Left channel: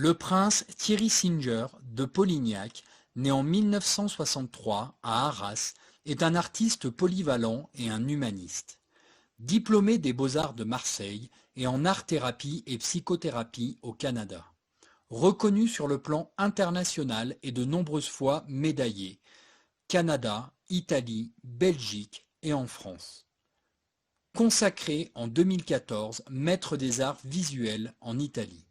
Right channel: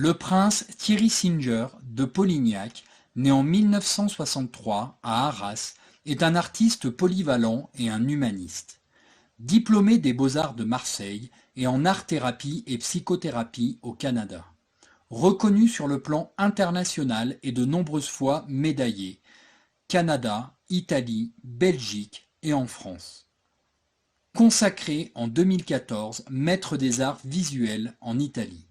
Le prince Thierry Singer de Polignac, né en 1963 à Arras, est un artiste polyvalent et un humaniste. Diplômé des Beaux-Arts de Marseille et en art-thérapie et psychothérapie au Canada. Reconnu sur le plan international et de nombreuses fois médaillé, Canada, Italie, Belgique et en France. Consacré en 2014 maître des arts visuels en Italie.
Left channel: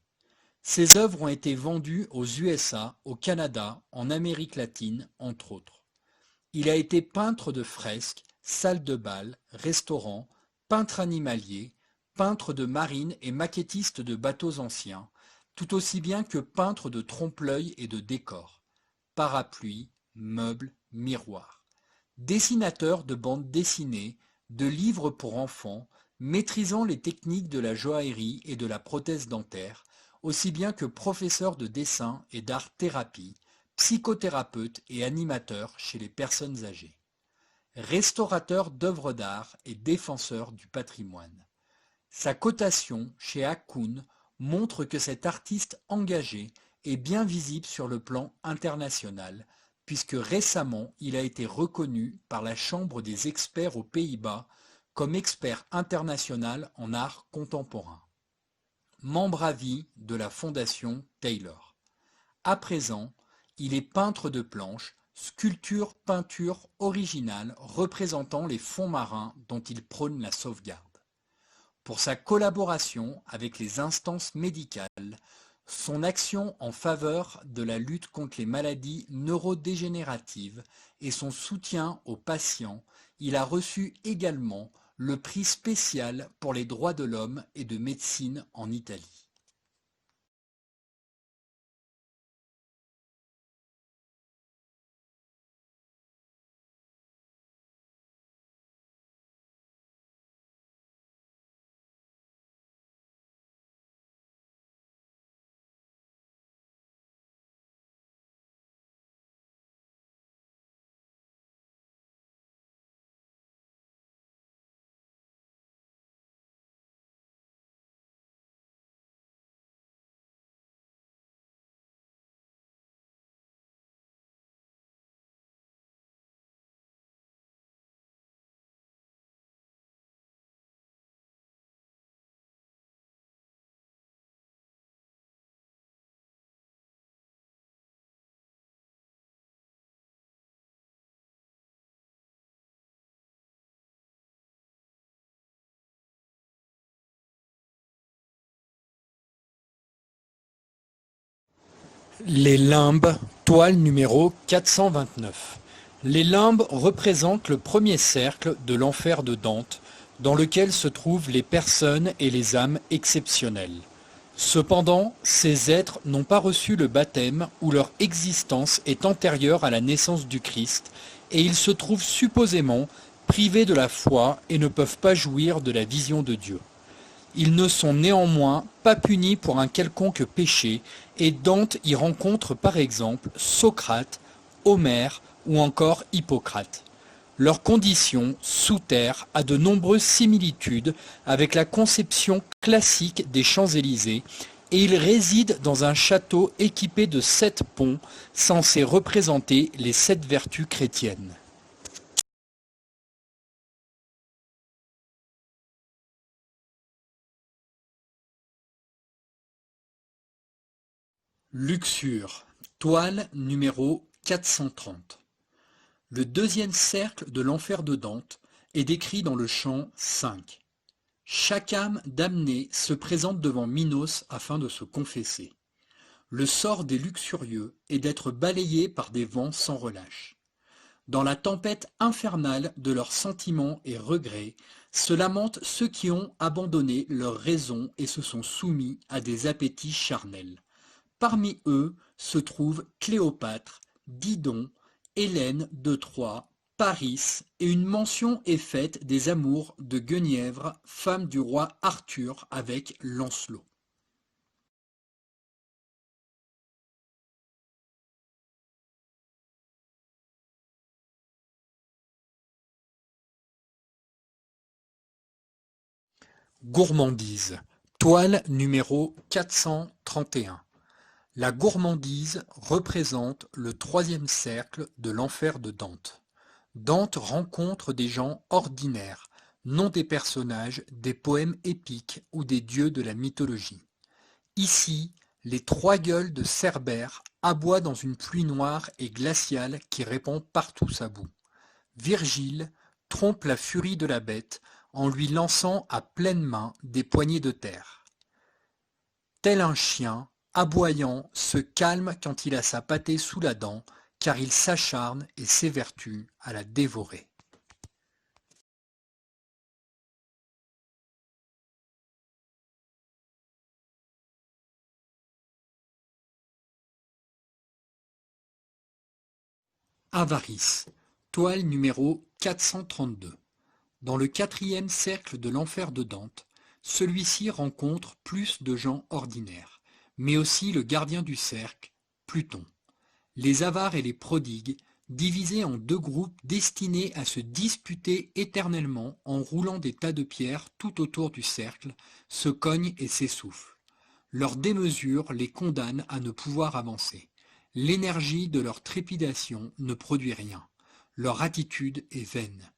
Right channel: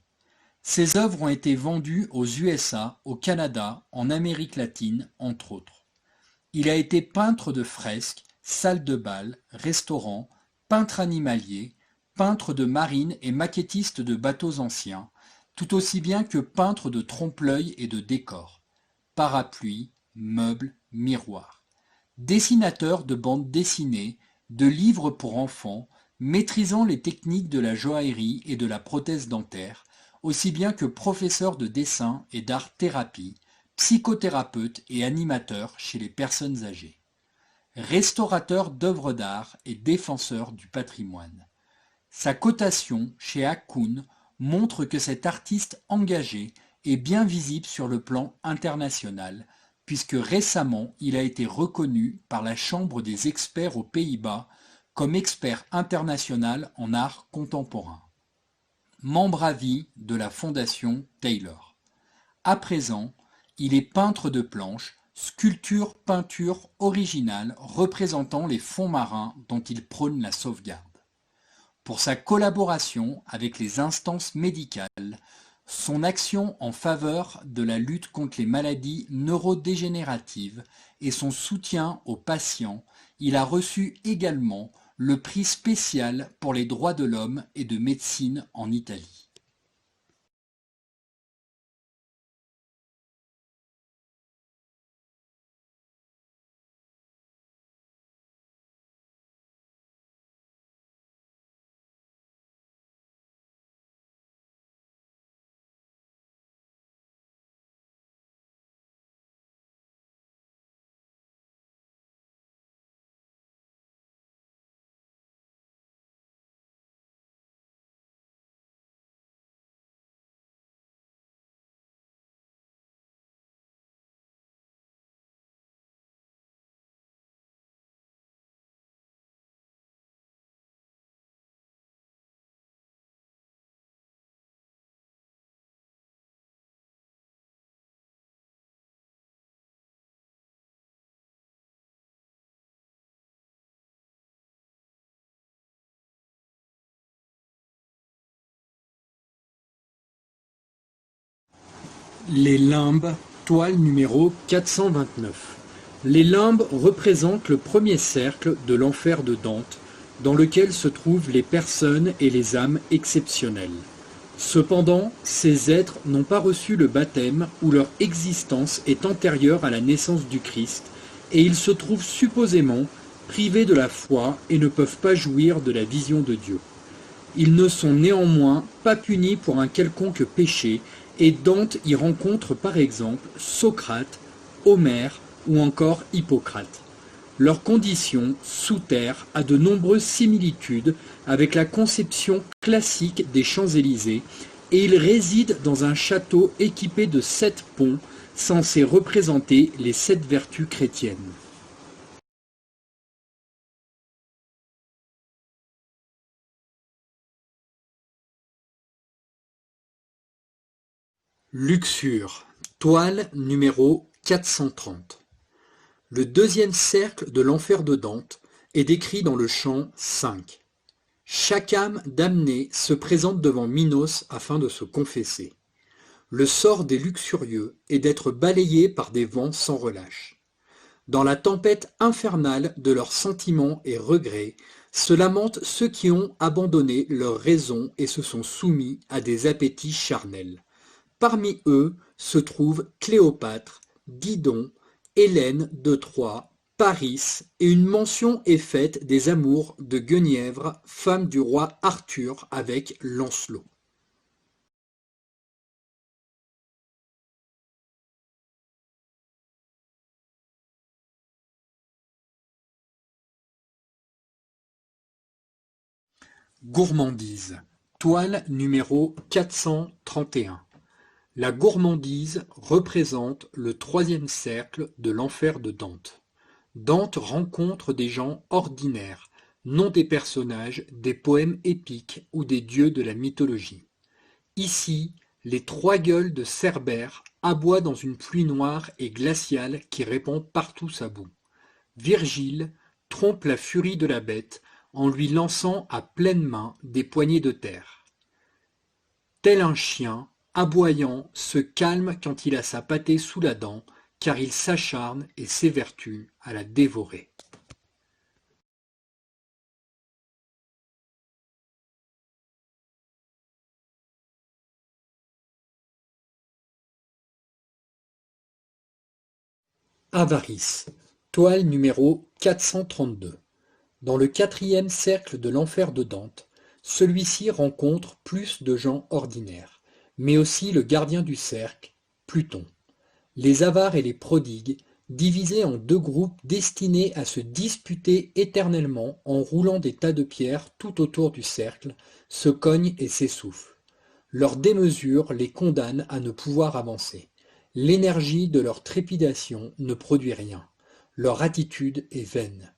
Ses œuvres ont été vendues aux USA, au Canada, en Amérique latine, entre autres. Il a été peintre de fresques, salle de bal, restaurant, peintre animalier, peintre de marine et maquettiste de bateaux anciens, tout aussi bien que peintre de trompe-l'œil et de décors, parapluies, meubles, miroirs. Dessinateur de bandes dessinées, de livres pour enfants, maîtrisant les techniques de la joaillerie et de la prothèse dentaire, aussi bien que professeur de dessin et d'art-thérapie, psychothérapeute et animateur chez les personnes âgées. Restaurateur d'œuvres d'art et défenseur du patrimoine. Sa cotation chez Hakoun montre que cet artiste engagé est bien visible sur le plan international, puisque récemment il a été reconnu par la Chambre des experts aux Pays-Bas comme expert international en art contemporain. Membre à vie de la Fondation Taylor. À présent, il est peintre de planches, sculpture-peinture originale représentant les fonds marins dont il prône la sauvegarde. Pour sa collaboration avec les instances médicales, son action en faveur de la lutte contre les maladies neurodégénératives et son soutien aux patients, il a reçu également le prix spécial pour les droits de l'homme et de médecine en Italie. Les limbes, toile numéro 429. Les limbes représentent le premier cercle de l'enfer de Dante, dans lequel se trouvent les personnes et les âmes exceptionnelles. Cependant, ces êtres n'ont pas reçu le baptême ou leur existence est antérieure à la naissance du Christ, et ils se trouvent supposément privés de la foi et ne peuvent pas jouir de la vision de Dieu. Ils ne sont néanmoins pas punis pour un quelconque péché, et Dante y rencontre par exemple Socrate, Homère ou encore Hippocrate. Leur condition, sous terre, a de nombreuses similitudes avec la conception classique des Champs-Élysées, et ils résident dans un château équipé de 7 ponts, censés représenter les 7 vertus chrétiennes. Luxure, toile numéro 430. Le deuxième cercle de l'enfer de Dante est décrit dans le chant 5. Chaque âme damnée se présente devant Minos afin de se confesser. Le sort des luxurieux est d'être balayés par des vents sans relâche. Dans la tempête infernale de leurs sentiments et regrets, se lamentent ceux qui ont abandonné leur raison et se sont soumis à des appétits charnels. Parmi eux se trouvent Cléopâtre, Didon, Hélène de Troie, Paris, et une mention est faite des amours de Guenièvre, femme du roi Arthur avec Lancelot. Gourmandise, toile numéro 431. La gourmandise représente le troisième cercle de l'enfer de Dante. Dante rencontre des gens ordinaires, non des personnages des poèmes épiques ou des dieux de la mythologie. Ici, les trois gueules de Cerbère aboient dans une pluie noire et glaciale qui répand partout sa boue. Virgile trompe la furie de la bête en lui lançant à pleine main des poignées de terre. Tel un chien, aboyant, se calme quand il a sa pâtée sous la dent, car il s'acharne et s'évertue à la dévorer. Avarice, toile numéro 432. Dans le quatrième cercle de l'enfer de Dante, celui-ci rencontre plus de gens ordinaires, mais aussi le gardien du cercle, Pluton. Les avares et les prodigues, divisés en deux groupes destinés à se disputer éternellement en roulant des tas de pierres tout autour du cercle, se cognent et s'essoufflent. Leur démesure les condamne à ne pouvoir avancer. L'énergie de leur trépidation ne produit rien. Leur attitude est vaine.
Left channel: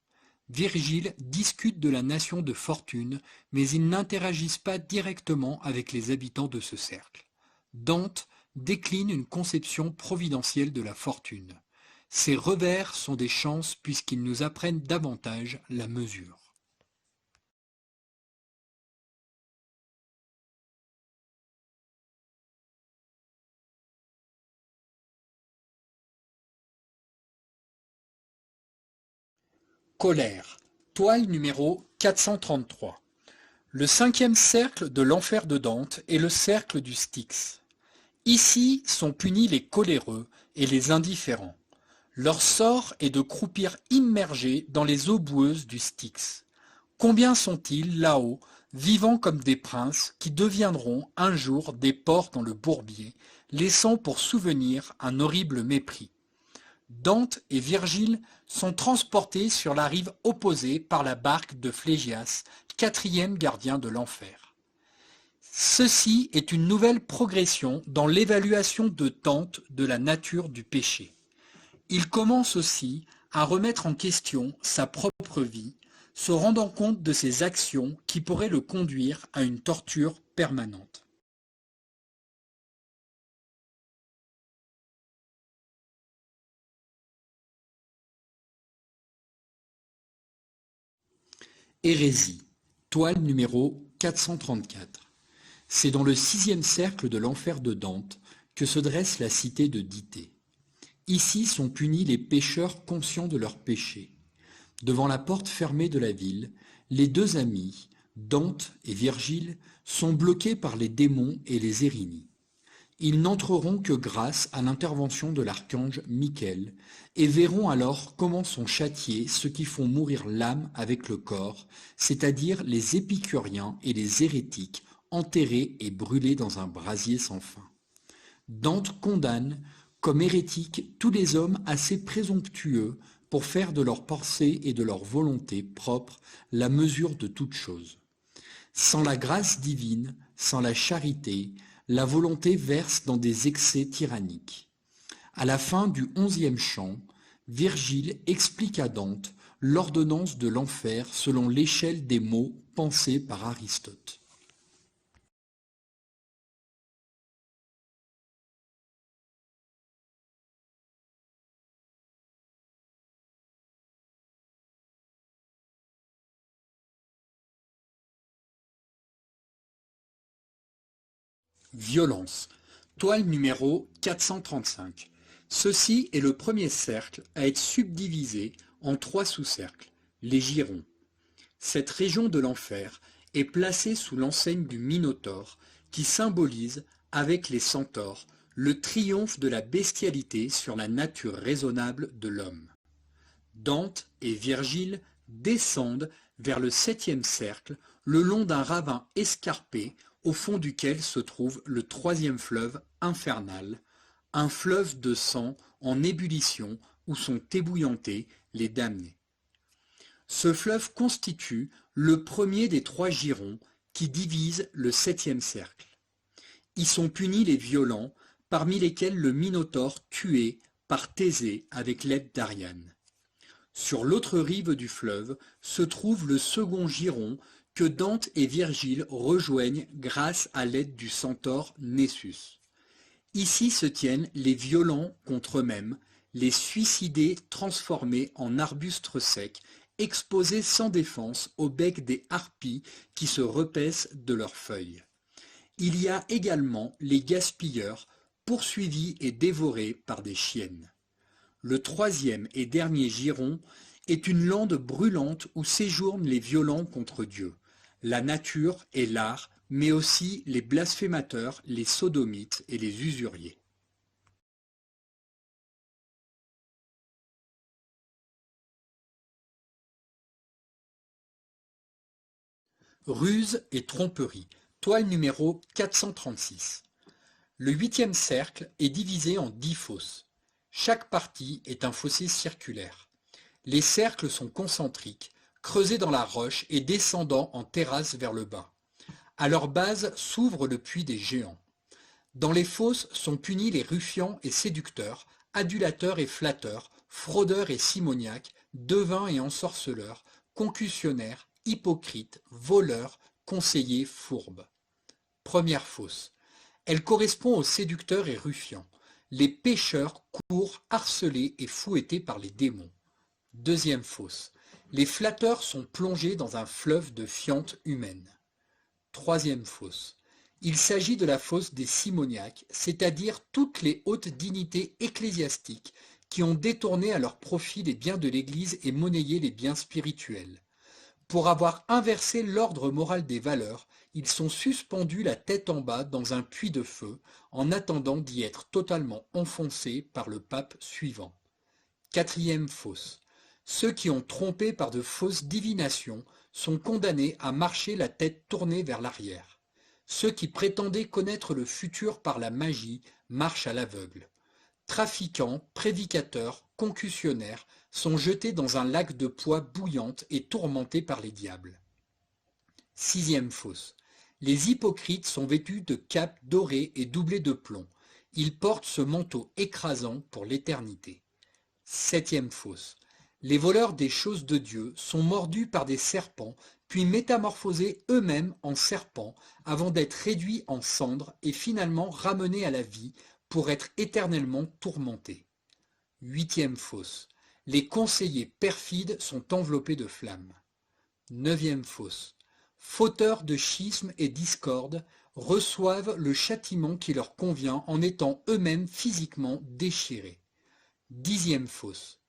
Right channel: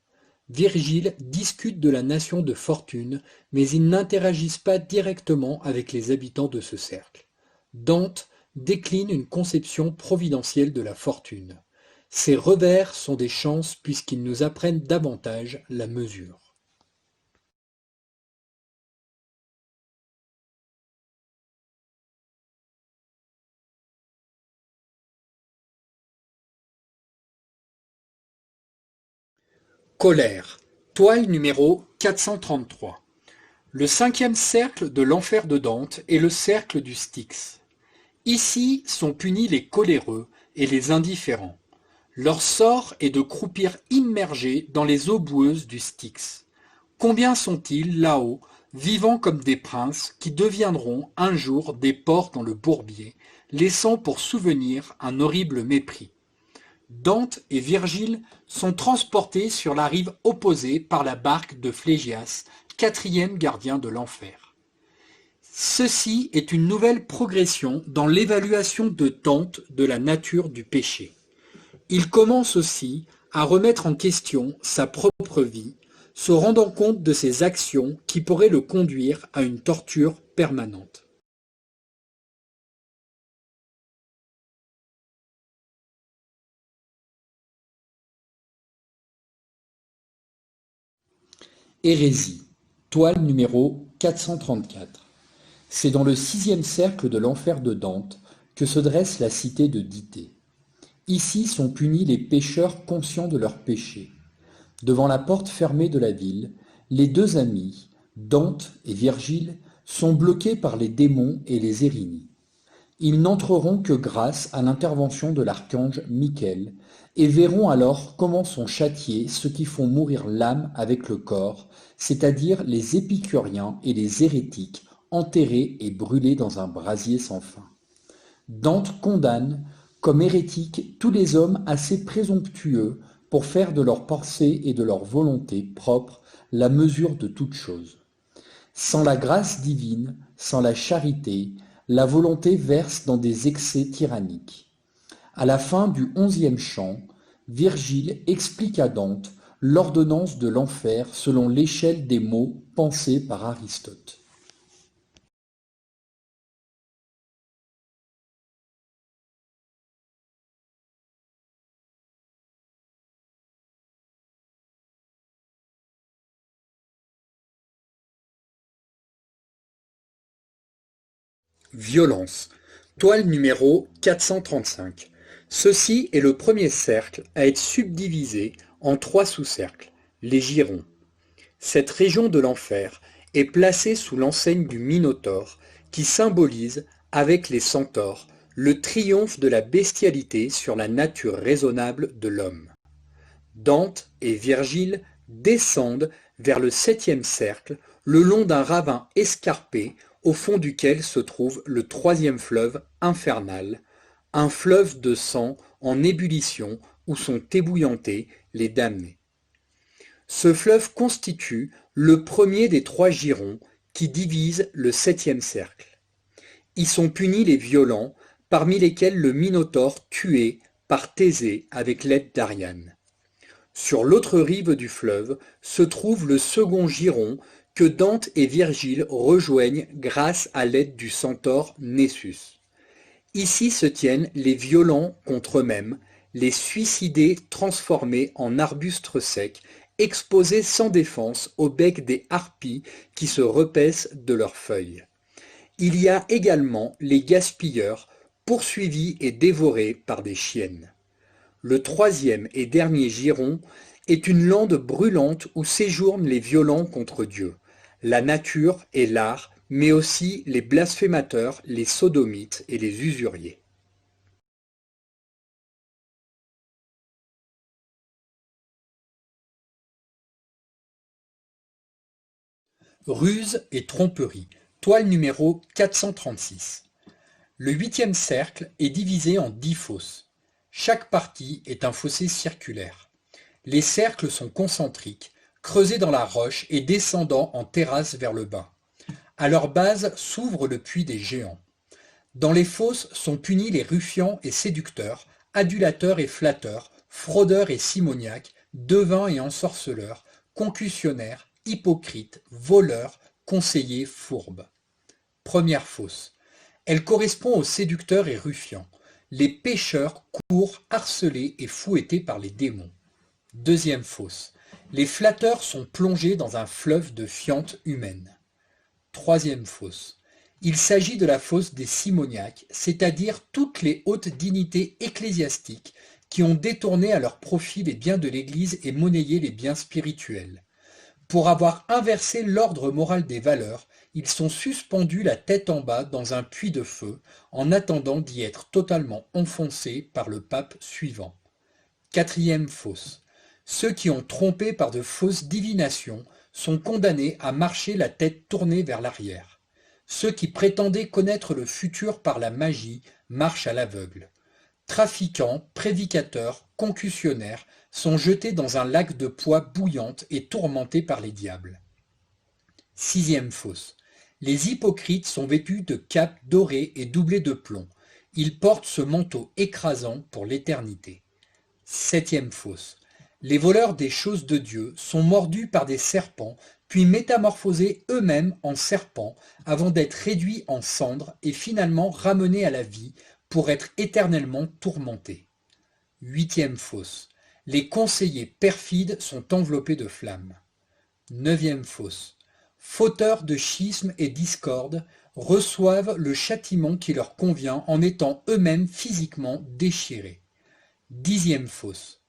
Virgile discute de la nation de Fortune, mais ils n'interagissent pas directement avec les habitants de ce cercle. Dante décline une conception providentielle de la fortune. Ces revers sont des chances puisqu'ils nous apprennent davantage la mesure. Colère, toile numéro 433. Le cinquième cercle de l'enfer de Dante est le cercle du Styx. Ici sont punis les coléreux et les indifférents. Leur sort est de croupir immergés dans les eaux boueuses du Styx. Combien sont-ils là-haut, vivant comme des princes, qui deviendront un jour des porcs dans le bourbier, laissant pour souvenir un horrible mépris. Dante et Virgile sont transportés sur la rive opposée par la barque de Phlégias, quatrième gardien de l'enfer. Ceci est une nouvelle progression dans l'évaluation de Dante de la nature du péché. Il commence aussi à remettre en question sa propre vie, se rendant compte de ses actions qui pourraient le conduire à une torture permanente. Hérésie, toile numéro 434. C'est dans le sixième cercle de l'enfer de Dante que se dresse la cité de Dithée. Ici sont punis les pécheurs conscients de leurs péchés. Devant la porte fermée de la ville, les deux amis, Dante et Virgile, sont bloqués par les démons et les Érini. Ils n'entreront que grâce à l'intervention de l'archange Michael et verront alors comment sont châtiés ceux qui font mourir l'âme avec le corps, c'est-à-dire les épicuriens et les hérétiques enterrés et brûlés dans un brasier sans fin. Dante condamne comme hérétiques tous les hommes assez présomptueux pour faire de leurs pensées et de leur volonté propre la mesure de toute chose. Sans la grâce divine, sans la charité, la volonté verse dans des excès tyranniques. À la fin du 11e chant, Virgile explique à Dante l'ordonnance de l'enfer selon l'échelle des mots pensés par Aristote. Violence. Toile numéro 435. Ceci est le premier cercle à être subdivisé en trois sous-cercles, les girons. Cette région de l'enfer est placée sous l'enseigne du Minotaure qui symbolise, avec les centaures, le triomphe de la bestialité sur la nature raisonnable de l'homme. Dante et Virgile descendent vers le septième cercle le long d'un ravin escarpé au fond duquel se trouve le troisième fleuve infernal, un fleuve de sang en ébullition où sont ébouillantés les damnés. Ce fleuve constitue le premier des trois girons qui divisent le septième cercle. Y sont punis les violents parmi lesquels le Minotaure tué par Thésée avec l'aide d'Ariane. Sur l'autre rive du fleuve se trouve le second giron que Dante et Virgile rejoignent grâce à l'aide du centaure Nessus. Ici se tiennent les violents contre eux-mêmes, les suicidés transformés en arbustes secs, exposés sans défense au bec des harpies qui se repaissent de leurs feuilles. Il y a également les gaspilleurs, poursuivis et dévorés par des chiennes. Le troisième et dernier giron est une lande brûlante où séjournent les violents contre Dieu, la nature et l'art, mais aussi les blasphémateurs, les sodomites et les usuriers. Ruse et tromperie, toile numéro 436. Le huitième cercle est divisé en 10 fosses. Chaque partie est un fossé circulaire. Les cercles sont concentriques, creusés dans la roche et descendant en terrasse vers le bas. À leur base s'ouvre le puits des géants. Dans les fosses sont punis les ruffians et séducteurs, adulateurs et flatteurs, fraudeurs et simoniaques, devins et ensorceleurs, concussionnaires, hypocrites, voleurs, conseillers fourbes. Première fosse. Elle correspond aux séducteurs et ruffians. Les pécheurs courent harcelés et fouettés par les démons. Deuxième fosse. Les flatteurs sont plongés dans un fleuve de fientes humaines. Troisième fosse. Il s'agit de la fosse des simoniaques, c'est-à-dire toutes les hautes dignités ecclésiastiques qui ont détourné à leur profit les biens de l'Église et monnayé les biens spirituels. Pour avoir inversé l'ordre moral des valeurs, ils sont suspendus la tête en bas dans un puits de feu en attendant d'y être totalement enfoncés par le pape suivant. Quatrième fosse. Ceux qui ont trompé par de fausses divinations sont condamnés à marcher la tête tournée vers l'arrière. Ceux qui prétendaient connaître le futur par la magie marchent à l'aveugle. Trafiquants, prédicateurs, concussionnaires sont jetés dans un lac de poix bouillante et tourmentés par les diables. Sixième fosse. Les hypocrites sont vêtus de capes dorées et doublées de plomb. Ils portent ce manteau écrasant pour l'éternité. Septième fosse. Les voleurs des choses de Dieu sont mordus par des serpents, puis métamorphosés eux-mêmes en serpents, avant d'être réduits en cendres et finalement ramenés à la vie pour être éternellement tourmentés. Huitième fosse. Les conseillers perfides sont enveloppés de flammes. Neuvième fosse. Fauteurs de schismes et discordes reçoivent le châtiment qui leur convient en étant eux-mêmes physiquement déchirés. Dixième fosse.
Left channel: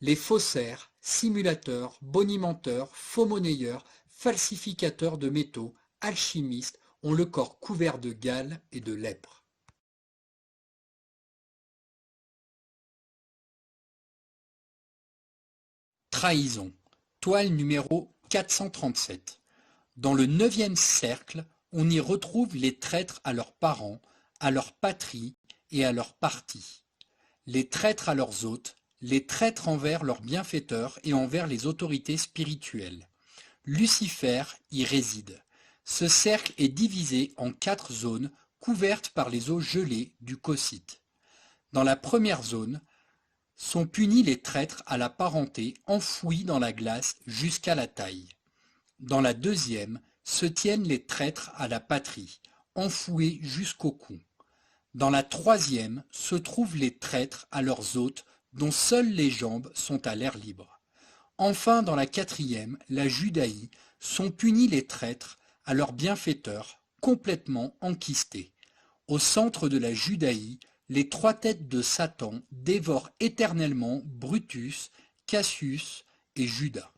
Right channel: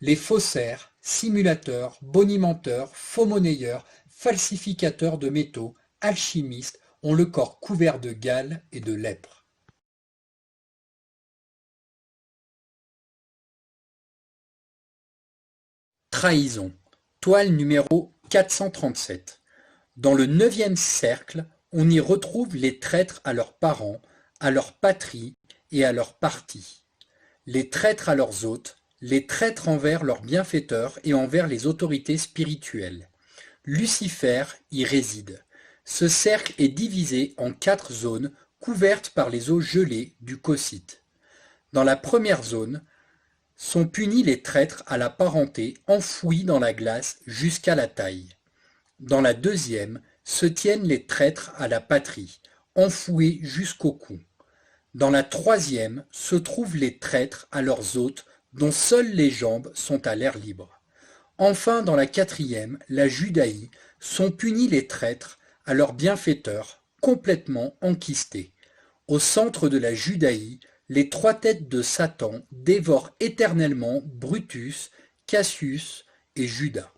Les faussaires, simulateurs, bonimenteurs, faux-monnayeurs, falsificateurs de métaux, alchimistes ont le corps couvert de gale et de lèpre. Trahison, toile numéro 437. Dans le neuvième cercle, on y retrouve les traîtres à leurs parents, à leur patrie et à leur parti. Les traîtres à leurs hôtes, les traîtres envers leurs bienfaiteurs et envers les autorités spirituelles. Lucifer y réside. Ce cercle est divisé en 4 zones couvertes par les eaux gelées du Cocyte. Dans la première zone sont punis les traîtres à la parenté enfouis dans la glace jusqu'à la taille. Dans la deuxième se tiennent les traîtres à la patrie, enfouis jusqu'au cou. Dans la troisième se trouvent les traîtres à leurs hôtes dont seules les jambes sont à l'air libre. Enfin, dans la quatrième, la Judaïe, sont punis les traîtres à leurs bienfaiteurs, complètement enquistés. Au centre de la Judaïe, les 3 têtes de Satan dévorent éternellement Brutus, Cassius et Judas.